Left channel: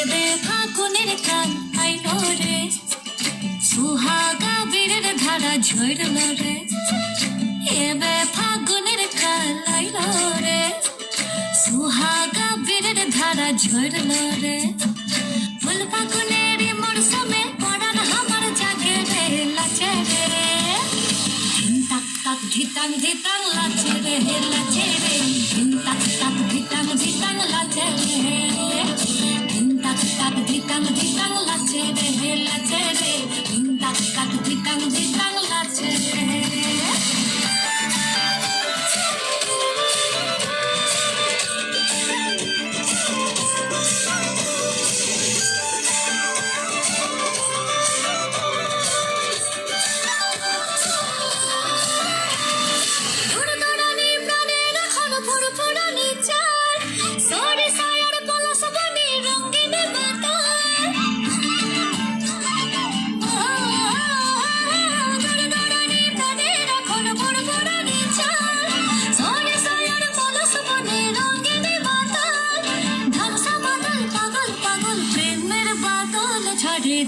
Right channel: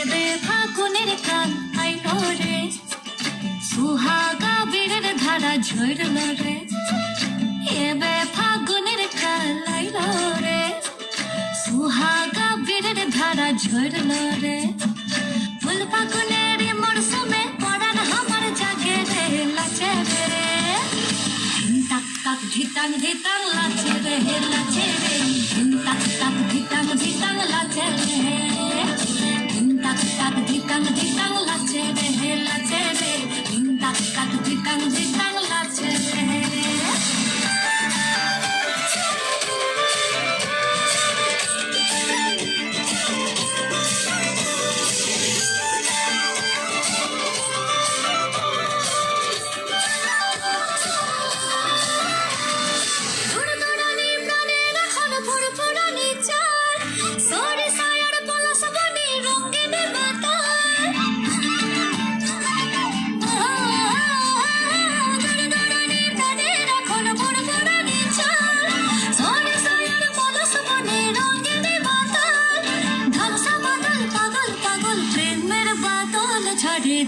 এবে ফাগুনের কাল আইলো রে, সুহাগা বীরের ধারা ঝরল রে। এবে ফাগুনের কাল আইলো রে, সুহাগা বীরের ধারা ঝরল রে। ফুল ফাগুনের মরশুমে পড়ার আমার জাগে রে লাচে রে। তাক তাক ধিতাং ধিতাং লাচে রে লাচে রে। তাক তাক ধিতাং ধিতাং লাচে রে। তাক তাক ধিতাং ধিতাং লাচে রে লাচে রে। তাক তাক ধিতাং ধিতাং লাচে রে।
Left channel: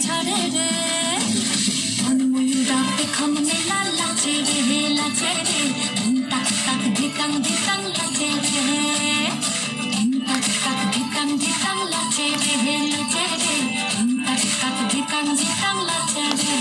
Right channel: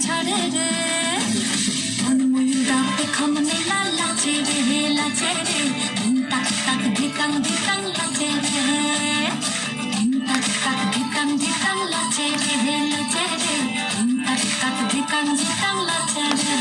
ঝরে রে মনমুন্ডাতে খমনে লাচে রে লাচে রে। তাক তাক ধিতাং ধিতাং লাচে রে। তাক তাক ধিতাং ধিতাং লাচে রে লাচে রে। তাক তাক ধিতাং ধিতাং লাচে রে।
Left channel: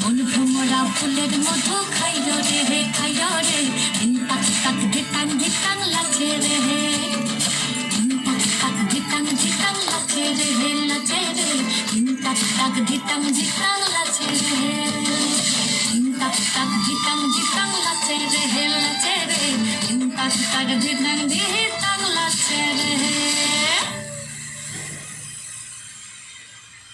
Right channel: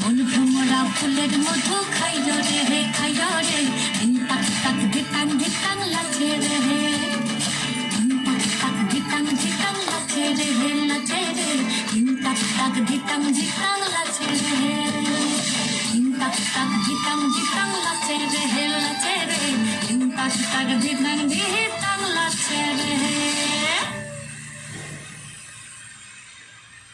মন ভ্রমরা ফুলের মধু খাইল রে খাইল রে। তাক তাক ধিতাং ধিতাং লাচে রে। তাক তাক ধিতাং ধিতাং লাচে রে লাচে রে। তাক তাক ধিতাং ধিতাং লাচে রে। তাক তাক ধিতাং ধিতাং লাচে রে লাচে রে। তাক তাক ধিতাং